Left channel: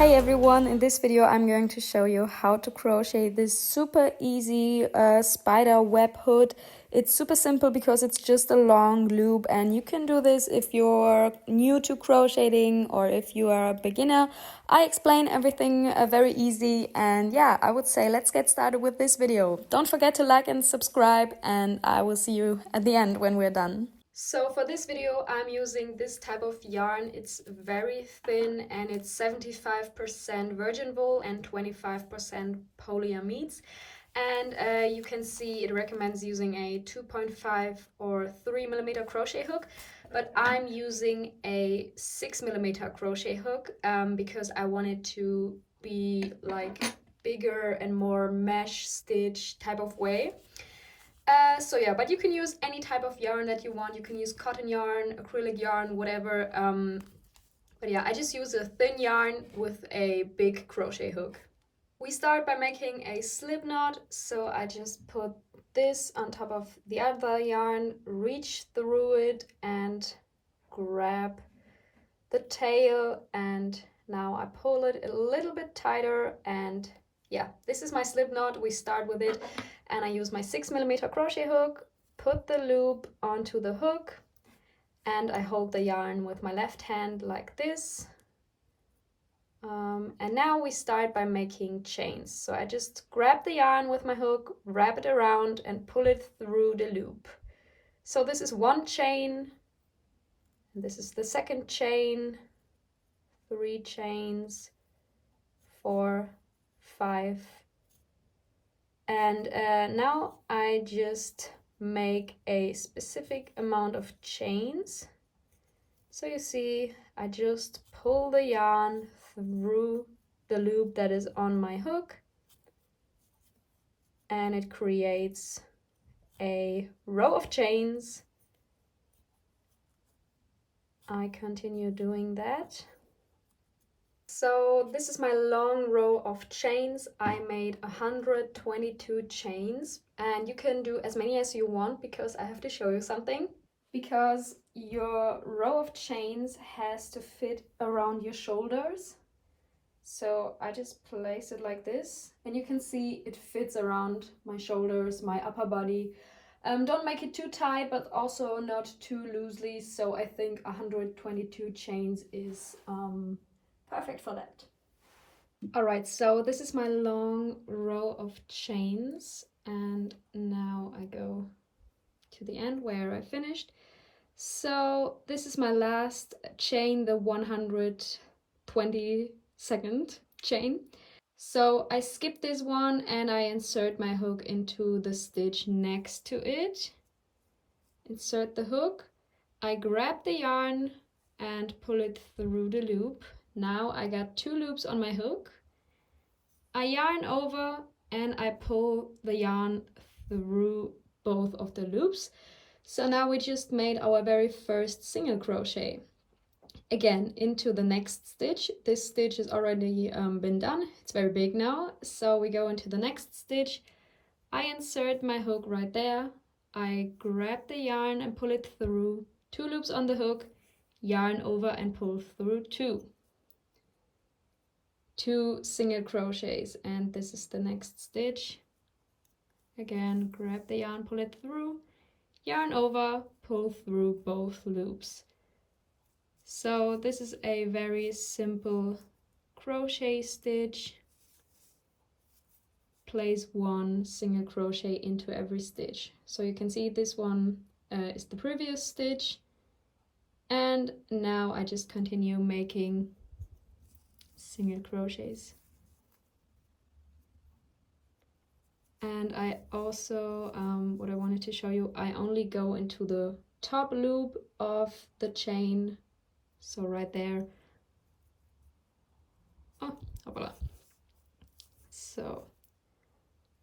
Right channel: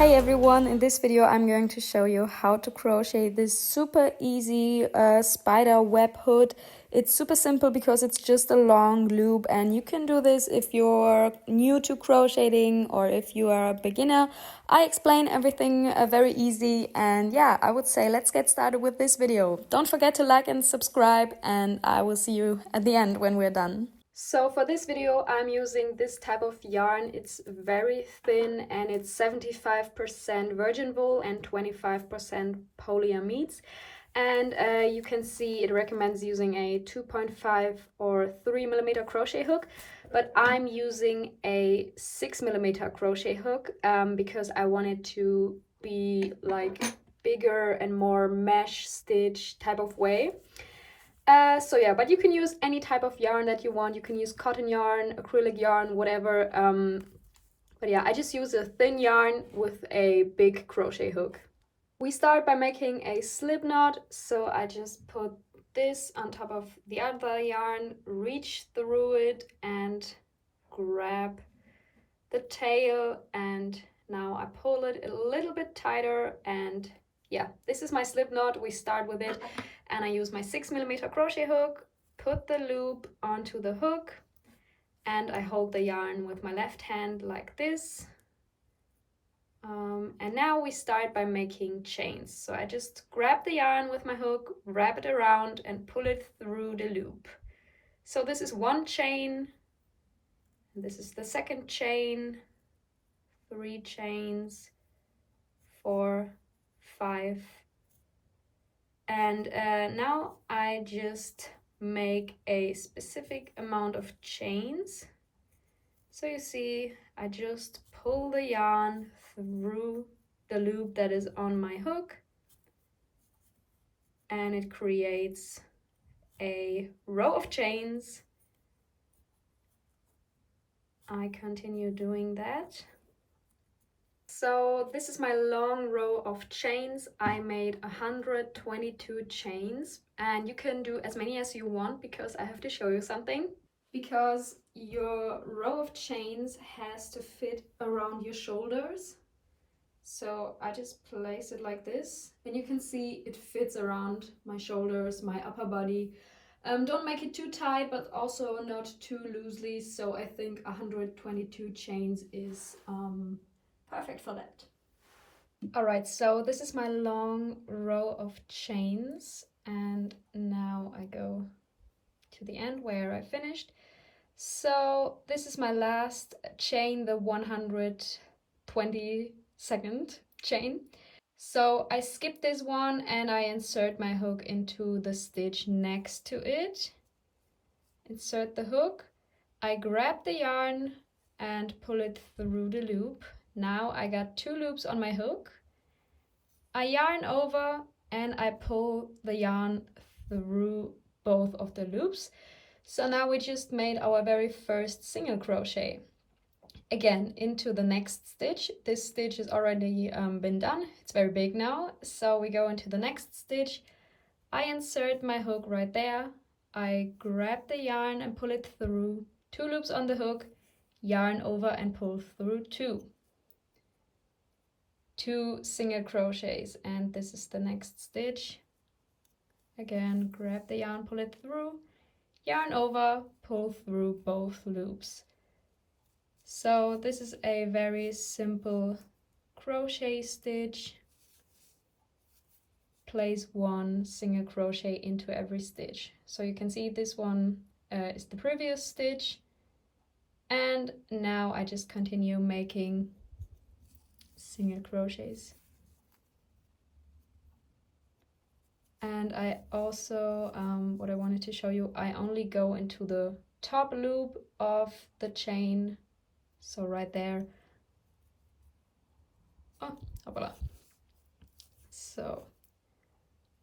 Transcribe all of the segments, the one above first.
Hey everyone, in this video I'm going to show you how to crochet this super easy spider web hood. It's super simple because it's just a long loop, and you can do this if you're new to crocheting or if you are a beginner. I explain everything very easy, and yeah, I would say let's get started with this video. Don't forget to like and subscribe, and I will see you at the end when we're done. So for this video I'm using this type of yarn. It's very thin and it's 75% virgin wool and 25% polyamides. And you can see it recommends using a 2.5 or 3mm crochet hook, but I'm using a 6mm crochet hook because I want it to be like bigger and more mesh stitch type of way. So yeah, but you can use any type of yarn that you want. You can use cotton yarn, acrylic yarn, whatever. But yeah, I just use a thin yarn with a big crochet hook. We start by making a slip knot. So I just put this on top of the other yarn, reach through it and grab the tail, and now I pull it a little bit tighter, and yeah, this is my slip knot. We start with it, and I use my 6mm crochet hook, put the loop onto the hook, and I hold the yarn with my left hand like this. And now we start by making chains. So I just grab the yarn with my hook, wrap it around and pull it through the loop. So this is one chain, and this is the second chain, 3 chains, 4, 5, and now I just make a specific amount of chains. So you see, I just pull the yarn through the loop that is on my hook, and it creates a row of chains. I continue doing that. So this is my long row of chains. I made 122 chains, and you can do as many as you want because I have to show you something. Because your row of chains has to fit around your shoulders. So I just place it like this, and you can see it fits around my shoulders, my upper body. Don't make it too tight, but also not too loosely. So I think 122 chains is perfect for that. Alright, so this is my long row of chains, and now I go to the end where I finished. So this is my last chain, the 122nd chain. So I skip this one and I insert my hook into the stitch next to it. Insert the hook. I grab the yarn and pull it through the loop. Now I got 2 loops on my hook. I yarn over and I pull the yarn through both of the loops. So now we just made our very first single crochet. Again, into the next stitch. This stitch has already been done. It's very big now. So we go into the next stitch. I insert my hook right there. I grab the yarn and pull it through. 2 loops on the hook, yarn over and pull through 2 single crochets, and this is the next stitch. Again, grab the yarn, pull it through, yarn over, pull through both loops. So this is a very simple crochet stitch. Place 1 single crochet into every stitch. So you can see this one is the previous stitch, and now I just continue making single crochets. And I also, what I wanted to show you, I only go into the top loop of the chain. So right there. Oh, voila. So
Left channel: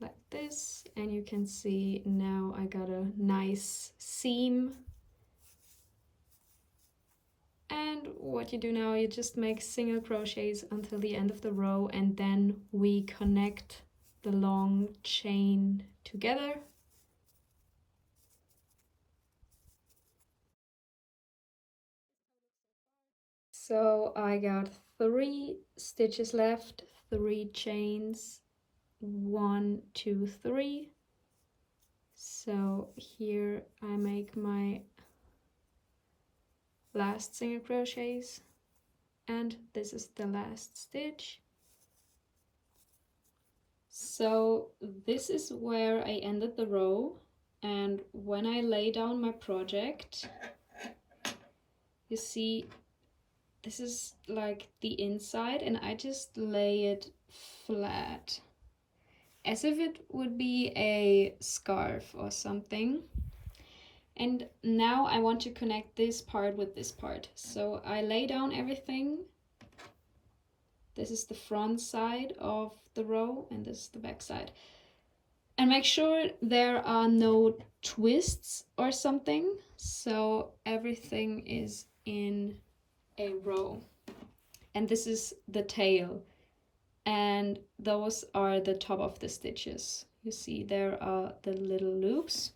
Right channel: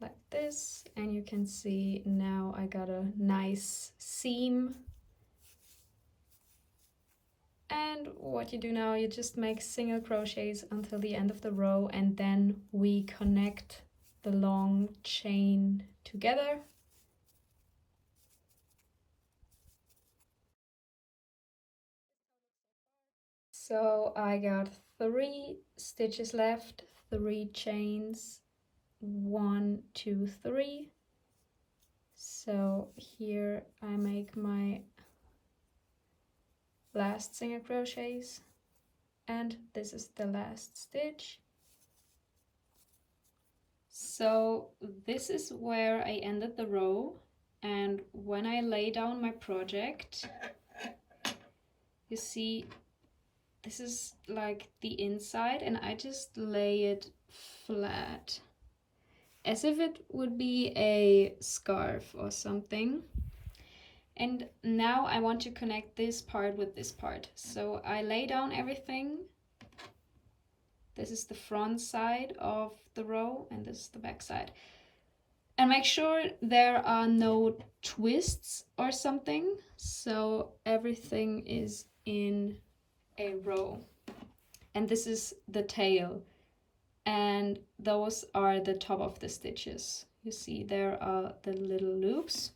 like this, and you can see now I got a nice seam. And what you do now, you just make single crochets until the end of the row, and then we connect the long chain together. So I got 3 stitches left, 3 chains, 1, 2, 3. So here I make my last single crochets, and this is the last stitch. So this is where I ended the row, and when I lay down my project, you see this is like the inside, and I just lay it flat as if it would be a scarf or something. And now I want to connect this part with this part. So I lay down everything. This is the front side of the row, and this is the back side. And make sure there are no twists or something, so everything is in a row. And this is the tail, and those are the top of the stitches. You see there are the little loops.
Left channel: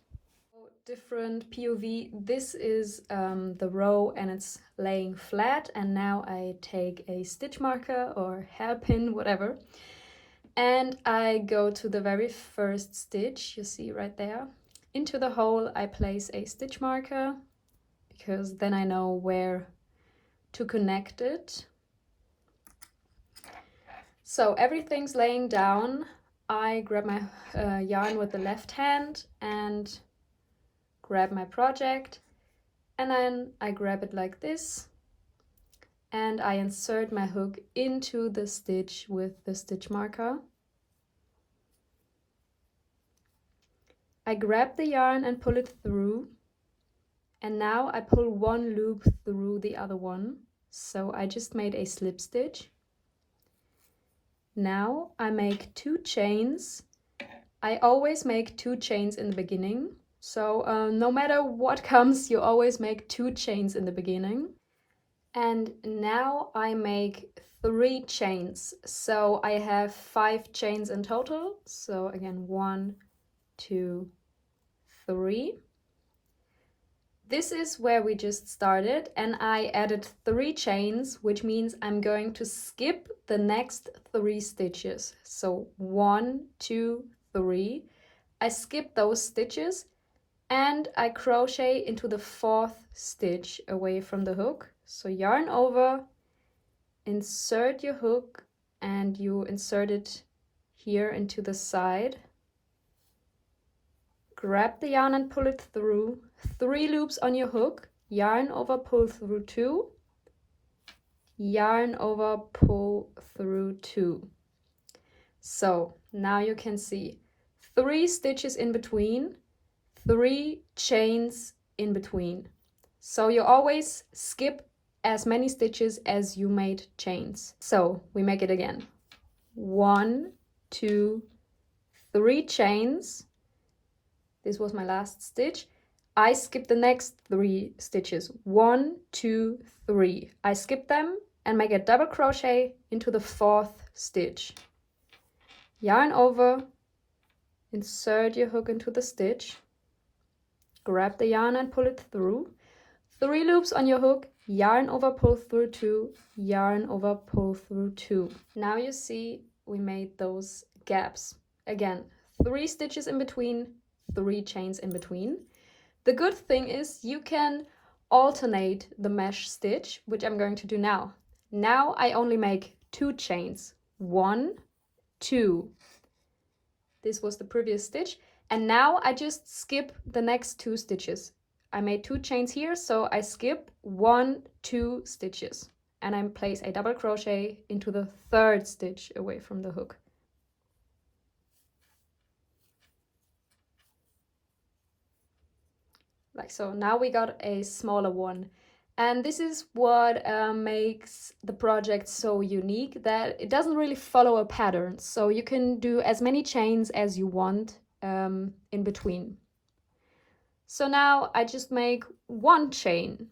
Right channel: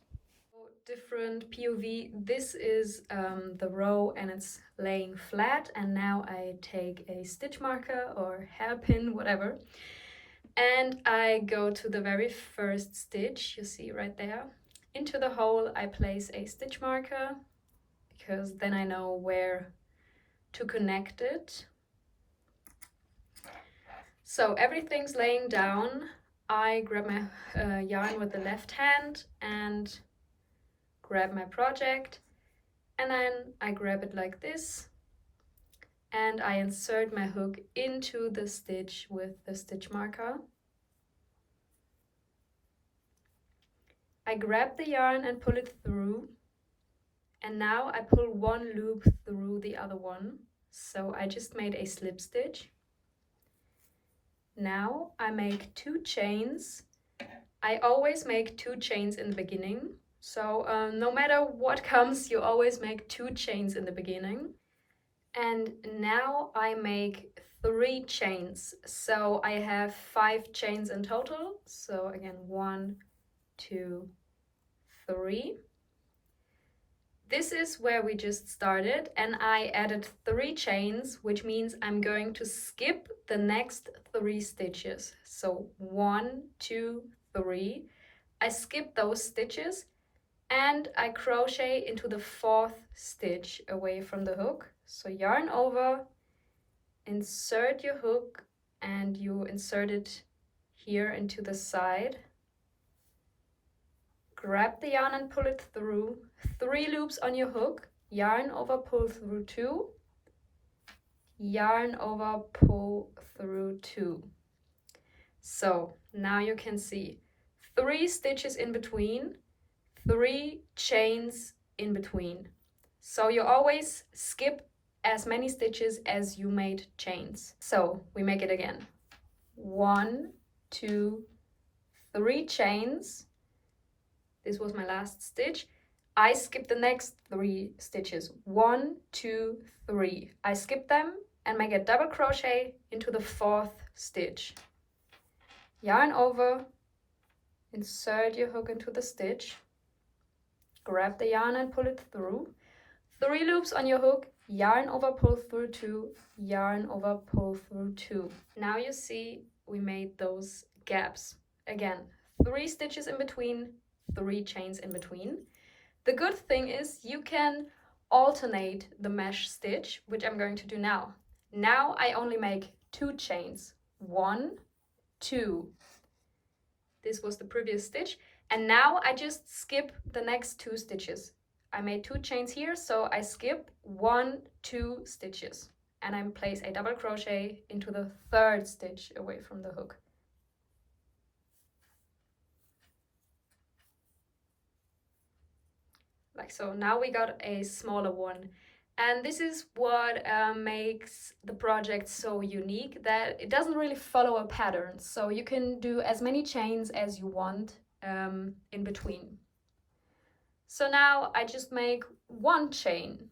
Different POV. This is the row, and it's laying flat, and now I take a stitch marker or hairpin, whatever, and I go to the very first stitch, you see right there. Into the hole I place a stitch marker, because then I know where to connect it. So everything's laying down. I grab my yarn with the left hand and grab my project, and then I grab it like this, and I insert my hook into the stitch with the stitch marker. I grab the yarn and pull it through, and now I pull one loop through the other one, so I just made a slip stitch. Now I make 2 chains. I always make 2 chains in the beginning, so no matter what comes, you always make 2 chains in the beginning. And now I make 3 chains, so I have 5 chains in total. So again, 1, 2, 3. This is where we just started, and I added 3 chains, which means I'm going to skip the next 3 stitches. So 1, 2, 3. I skip those stitches, and I crochet into the 4th stitch away from the hook. So yarn over, insert your hook, and you insert it here into the side. Grab the yarn and pull it through. 3 loops on your hook, yarn over, pull through 2, yarn over, pull through 2. So now you can see 3 stitches in between, 3 chains in between. So you always skip as many stitches as you made chains. So we make it again. 1, 2, 3 chains. This was my last stitch. I skip the next 3 stitches. 1, 2, 3. I skip them and make a double crochet into the 4th stitch. Yarn over, insert your hook into the stitch, grab the yarn and pull it through. 3 loops on your hook, yarn over, pull through 2, yarn over, pull through 2. Now you see we made those gaps. Again, 3 stitches in between, 3 chains in between. The good thing is you can alternate the mesh stitch, which I'm going to do now. Now I only make 2 chains. 1, 2. This was the previous stitch. And now I just skip the next 2 stitches. I made 2 chains here, so I skip 1, 2 stitches. And I place a double crochet into the 3rd stitch away from the hook. Like so. Now we got a smaller one, and this is what makes the project so unique, that it doesn't really follow a pattern, so you can do as many chains as you want in between. So now I just make 1 chain.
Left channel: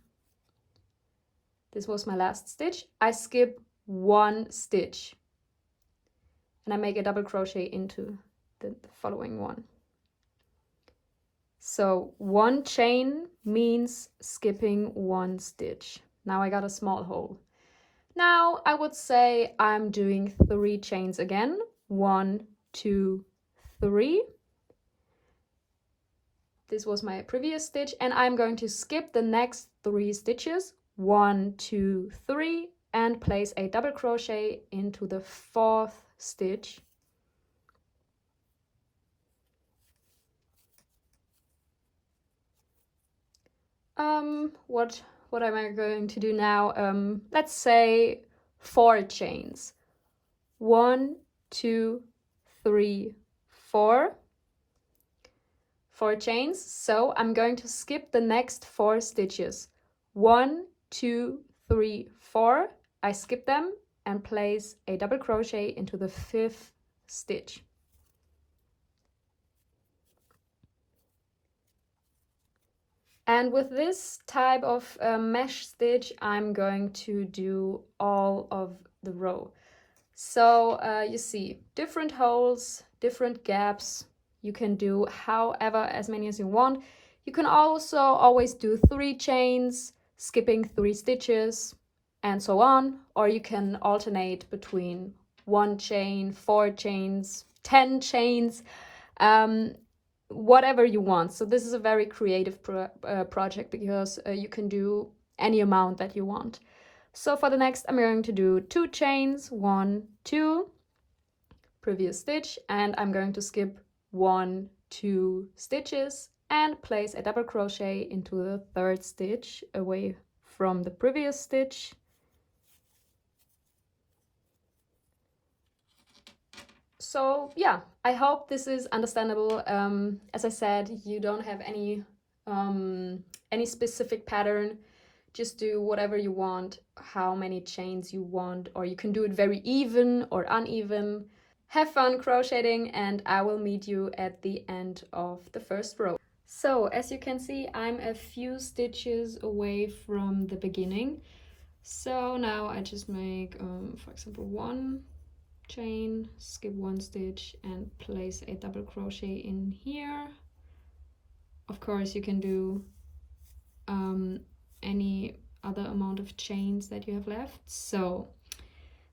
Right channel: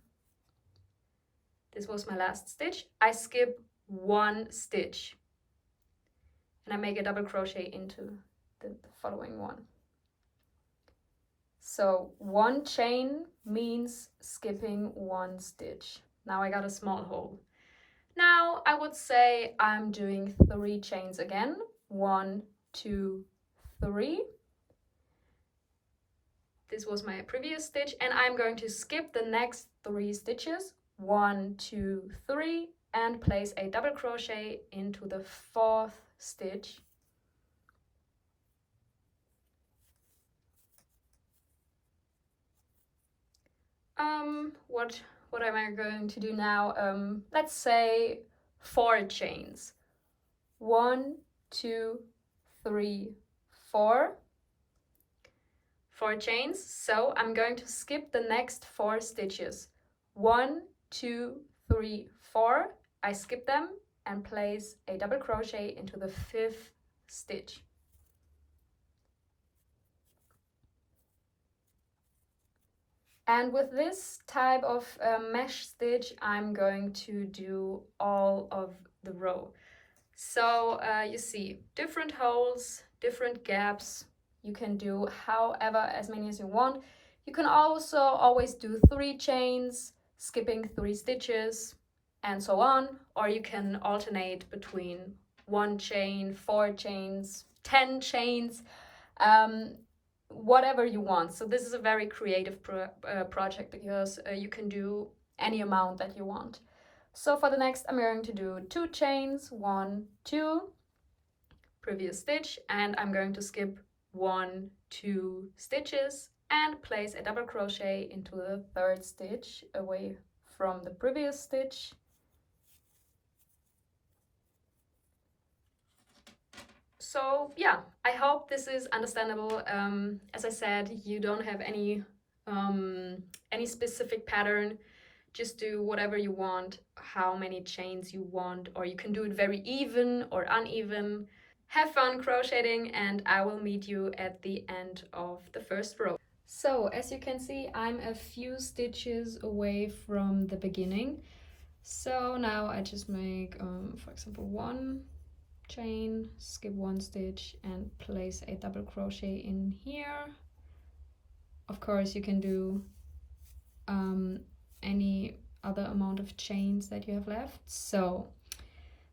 This was my last stitch. I skip 1 stitch and I make a double crochet into the following one. So 1 chain means skipping 1 stitch. Now I got a small hole. Now I would say I'm doing 3 chains again. 1, 2, 3. This was my previous stitch, and I'm going to skip the next 3 stitches. 1, 2, 3, and place a double crochet into the 4th stitch. What am I going to do now? Let's say 4 chains. 1, 2, 3, 4. 4 chains. So I'm going to skip the next 4 stitches. 1, 2, 3, 4. I skip them and place a double crochet into the 5th stitch. And with this type of mesh stitch, I'm going to do all of the row. So you see different holes, different gaps. You can do however as many as you want. You can also always do 3 chains, skipping 3 stitches, and so on. Or you can alternate between 1 chain, 4 chains, 10 chains. Whatever you want. So this is a very creative project because you can do any amount that you want. So for the next, I'm going to do 2 chains, 1, 2, previous stitch, and I'm going to skip 1, 2 stitches and place a double crochet into the 3rd stitch away from the previous stitch. So yeah, I hope this is understandable. As I said, you don't have any specific pattern. Just do whatever you want, how many chains you want, or you can do it very even or uneven. Have fun crocheting, and I will meet you at the end of the first row. So as you can see, I'm a few stitches away from the beginning. So now I just make, for example, 1 chain, skip 1 stitch, and place a double crochet in here. Of course, you can do any other amount of chains that you have left. So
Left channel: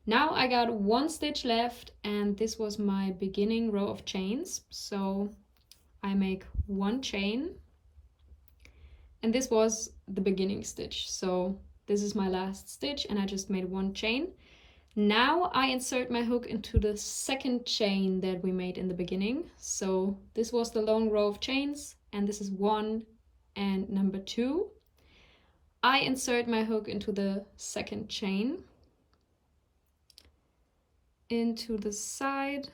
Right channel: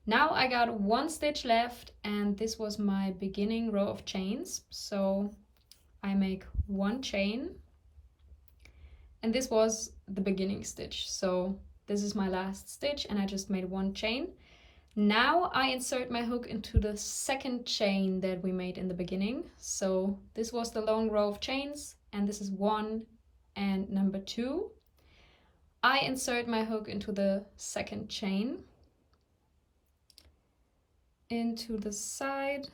now I got 1 stitch left, and this was my beginning row of chains. So I make 1 chain, and this was the beginning stitch. So this is my last stitch, and I just made 1 chain. Now I insert my hook into the 2nd chain that we made in the beginning. So this was the long row of chains, and this is 1 and number 2. I insert my hook into the 2nd chain, into the side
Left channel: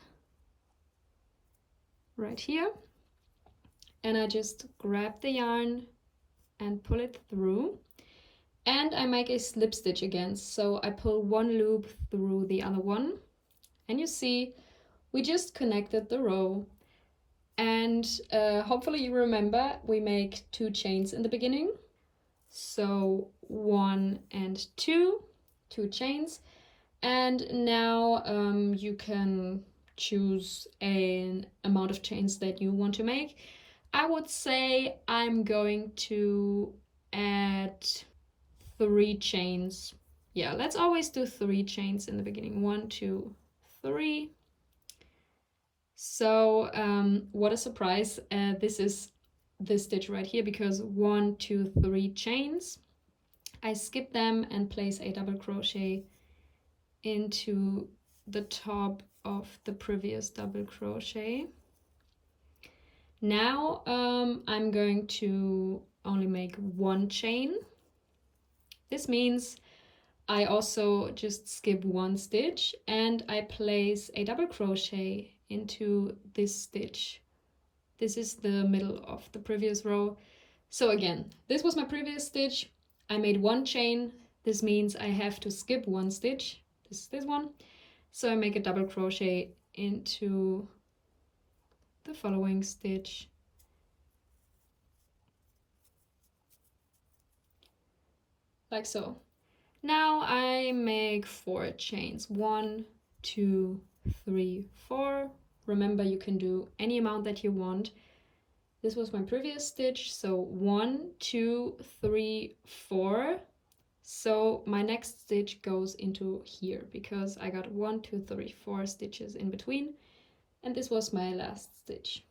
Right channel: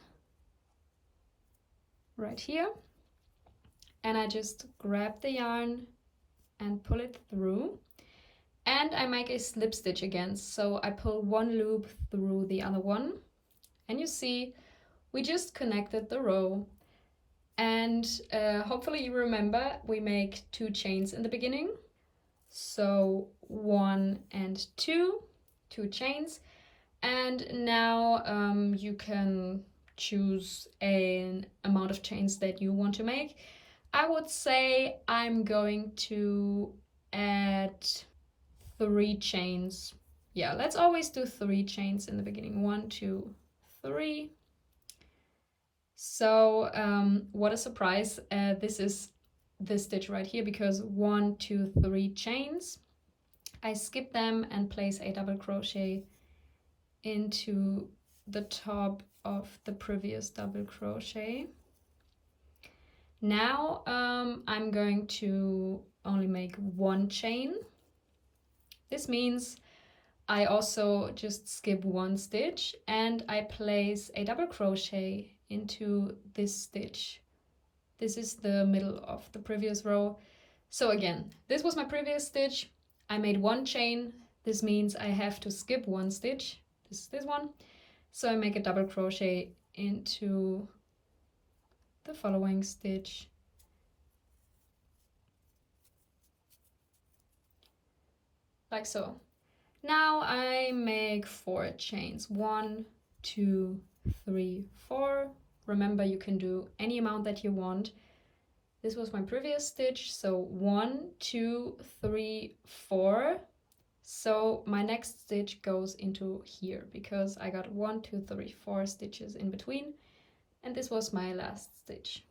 right here, and I just grab the yarn and pull it through, and I make a slip stitch again. So I pull 1 loop through the other one, and you see we just connected the row. And hopefully you remember we make 2 chains in the beginning. So 1 and 2 chains. And now you can choose an amount of chains that you want to make. I would say I'm going to add 3 chains. Yeah, let's always do 3 chains in the beginning. 1, 2, 3. So what a surprise. This is this stitch right here, because 1, 2, 3 chains. I skip them and place a double crochet into the top of the previous double crochet. Now I'm going to only make 1 chain. This means I also just skip 1 stitch and I place a double crochet into this stitch. This is the middle of the previous row. So again, this was my previous stitch. I made 1 chain. This means I have to skip 1 stitch. This is this one. So I make a double crochet into the following stitch. Like so. Now I make 4 chains. 1, 2, 3, 4. Remember, you can do any amount that you want. This was my previous stitch, so 1, 2, 3, 4. So my next stitch goes into here because I got 1, 2, 3, 4 stitches in between, and this was my last stitch.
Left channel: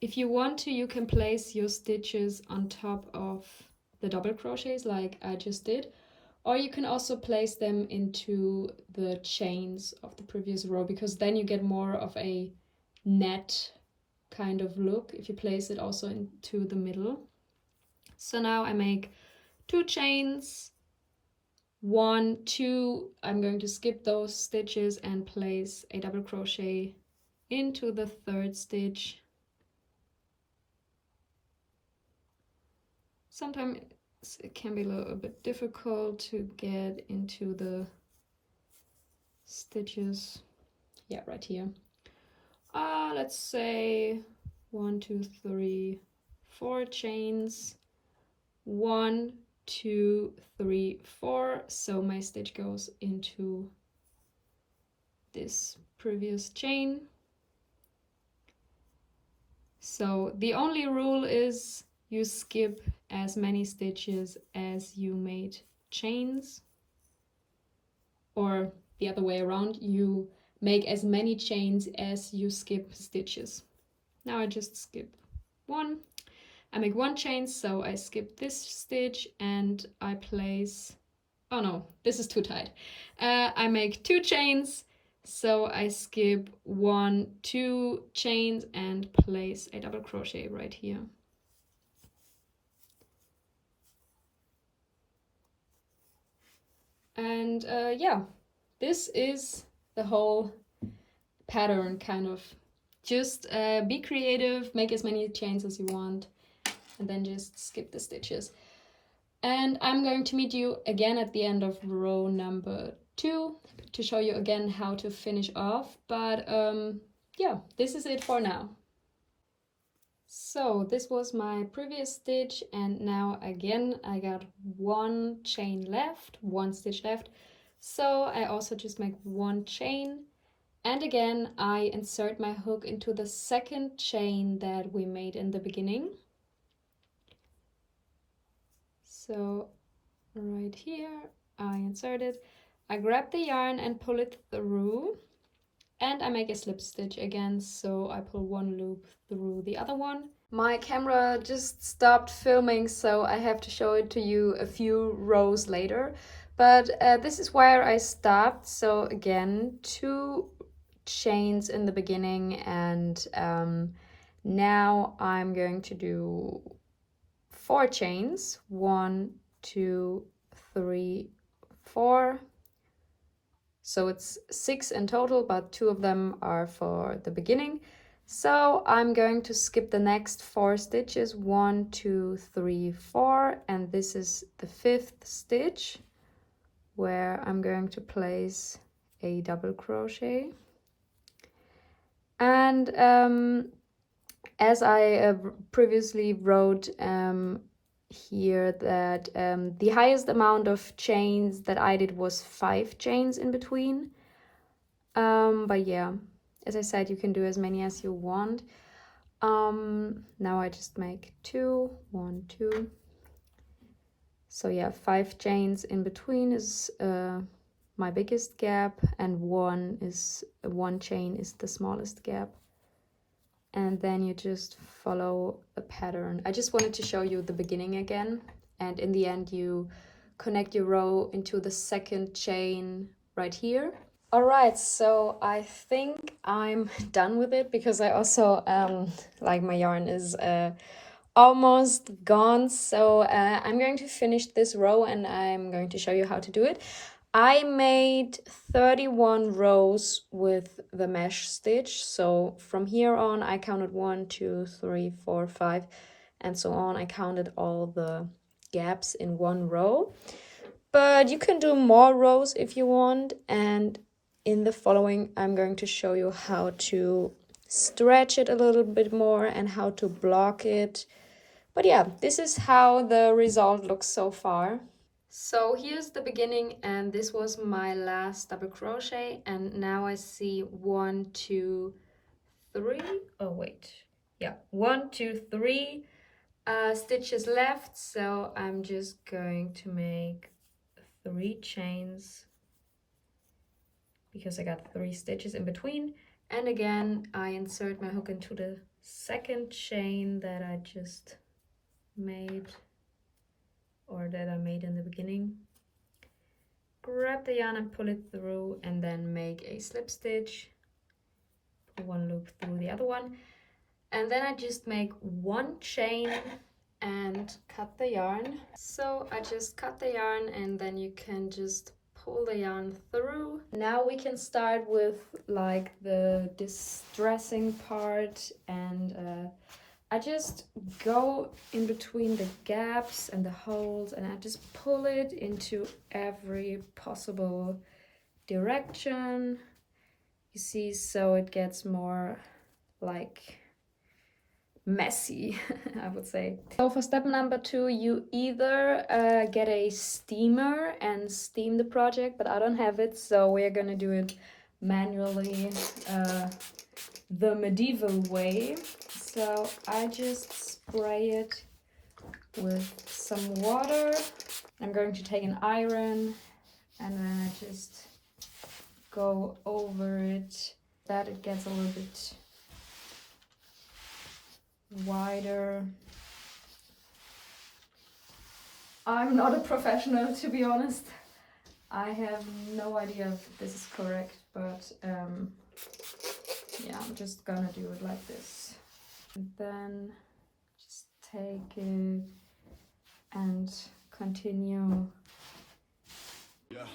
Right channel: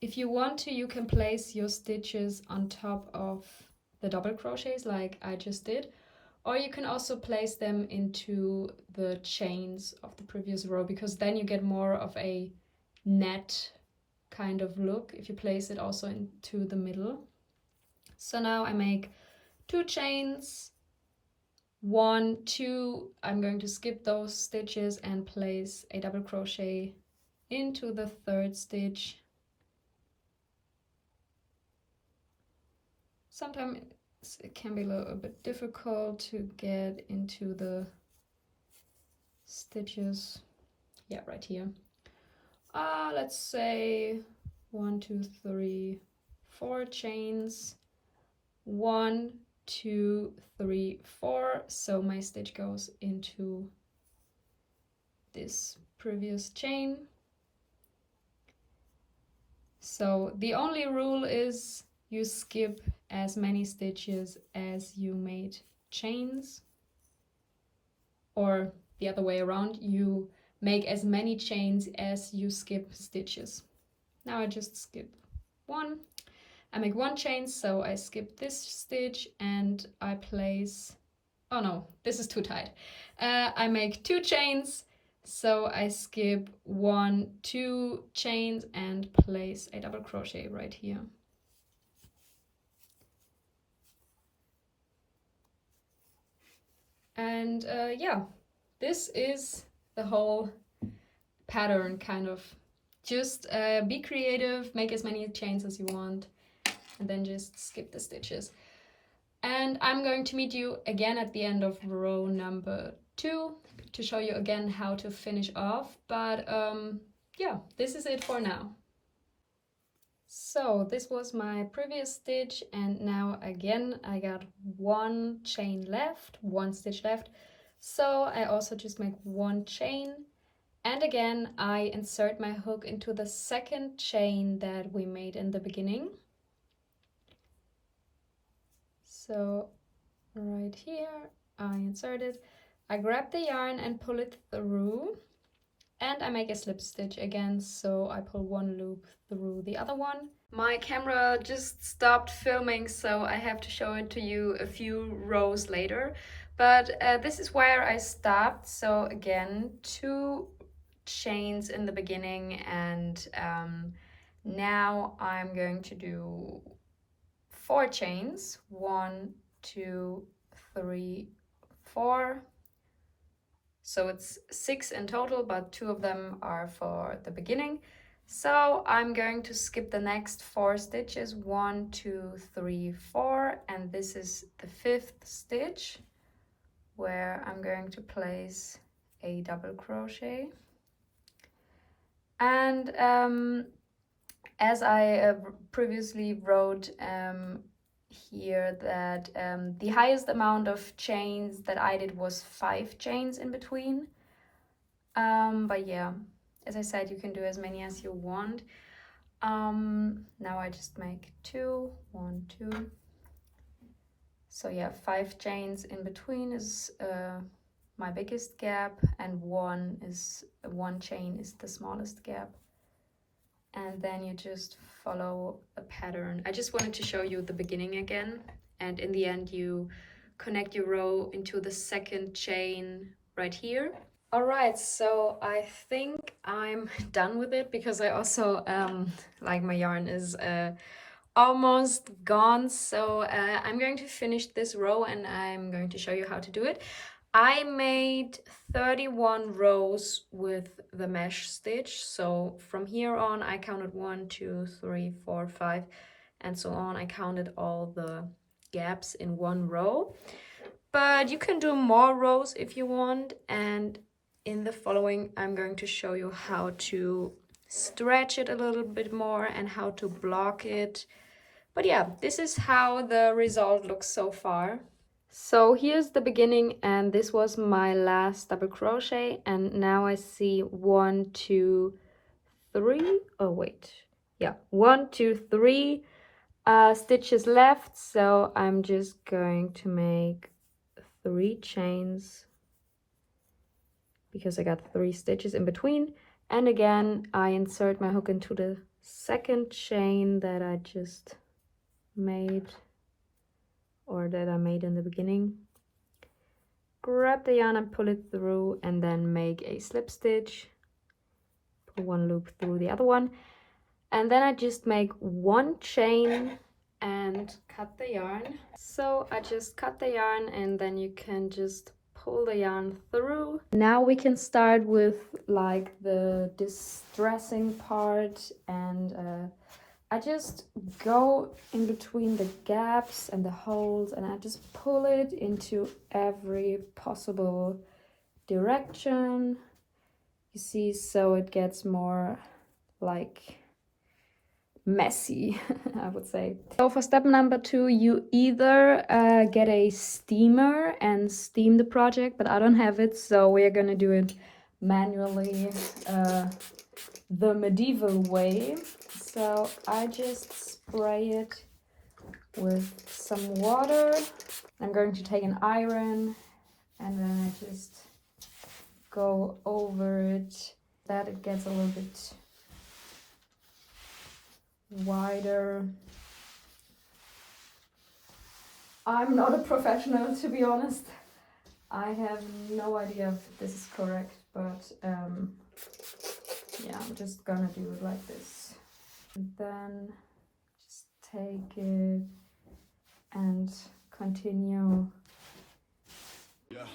If you want to, you can place your stitches on top of the double crochets like I just did, or you can also place them into the chains of the previous row, because then you get more of a net kind of look if you place it also into the middle. So now I make 2 chains, 1, 2, I'm going to skip those stitches and place a double crochet into the 3rd stitch. Sometimes it can be a little bit difficult to get into the stitches. Yeah, right here. Let's say 1, 2, 3, 4 chains. 1, 2, 3, 4. So my stitch goes into this previous chain. So the only rule is you skip as many stitches as you made chains, or the other way around, you make as many chains as you skip stitches. Now I just skip 1. I make 1 chain, so I skip this stitch and I place, oh no, this is too tight. I make 2 chains, so I skip 1, 2 chains and place a double crochet right here. And yeah, this is the whole pattern, kind of. Just be creative, make as many chains as you want, and then just skip the stitches. And I'm going to meet you again at the end of row number 2 to show you again how to finish off. But yeah, this is it for now. So this was my previous stitch, and now again I got 1 chain left, 1 stitch left. So I also just make 1 chain, and again I insert my hook into the 2nd chain that we made in the beginning. So right here I insert it, I grab the yarn and pull it through, and I make a slip stitch again, so I pull 1 loop through the other one. My camera just stopped filming, so I have to show it to you a few rows later, but this is where I stopped. So again, 2 chains in the beginning, and now I'm going to do 4 chains, 1, 2, 3, 4. So it's 6 in total, but 2 of them are for the beginning. So I'm going to skip the next 4 stitches, 1, 2, 3, 4, and this is the 5th stitch where I'm going to place a double crochet. And as I previously wrote here, that the highest amount of chains that I did was 5 chains in between, but yeah, as I said, you can do as many as you want. Now I just make 2, 1, 2. So yeah, 5 chains in between is my biggest gap, and 1 chain is the smallest gap. And then you just follow the pattern. I just wanted to show you the beginning again, and in the end you connect your row into the 2nd chain right here. Alright, so I think I'm done with it, because I also like my yarn is almost gone. So I'm going to finish this row and I'm going to show you how to do it. I made 31 rows with the mesh stitch. So from here on I counted 1, 2, 3, 4, 5 and so on. I counted all the gaps in one row. But you can do more rows if you want, and in the following I'm going to show you how to stretch it a little bit more and how to block it. But yeah, this is how the result looks so far. So here's the beginning, and this was my last double crochet, and now I see 1, 2, 3. Oh wait, yeah, 1, 2, 3 stitches left, so I'm just going to make 3 chains because I got 3 stitches in between. And again, I insert my hook into the second chain that I just made, or that I made in the beginning. Grab the yarn and pull it through, and then make a slip stitch, pull 1 loop through the other one, and then I just make 1 chain and cut the yarn. So I just cut the yarn, and then you can just pull the yarn through. Now we can start with like the distressing part, and I just go in between the gaps and the holes, and I just pull it into every possible direction, you see, so it gets more like messy, I would say. So for step number 2, you either get a steamer and steam the project, but I don't have it, so we're gonna do it manually, the medieval way. So I just spray it with some water. I'm going to take an iron, and then I just go over it, that it gets a little bit wider. I'm not a professional, to be honest. I have no idea if this is correct, but yeah, I'm just gonna do it like this. And then just take it and continue. Yeah.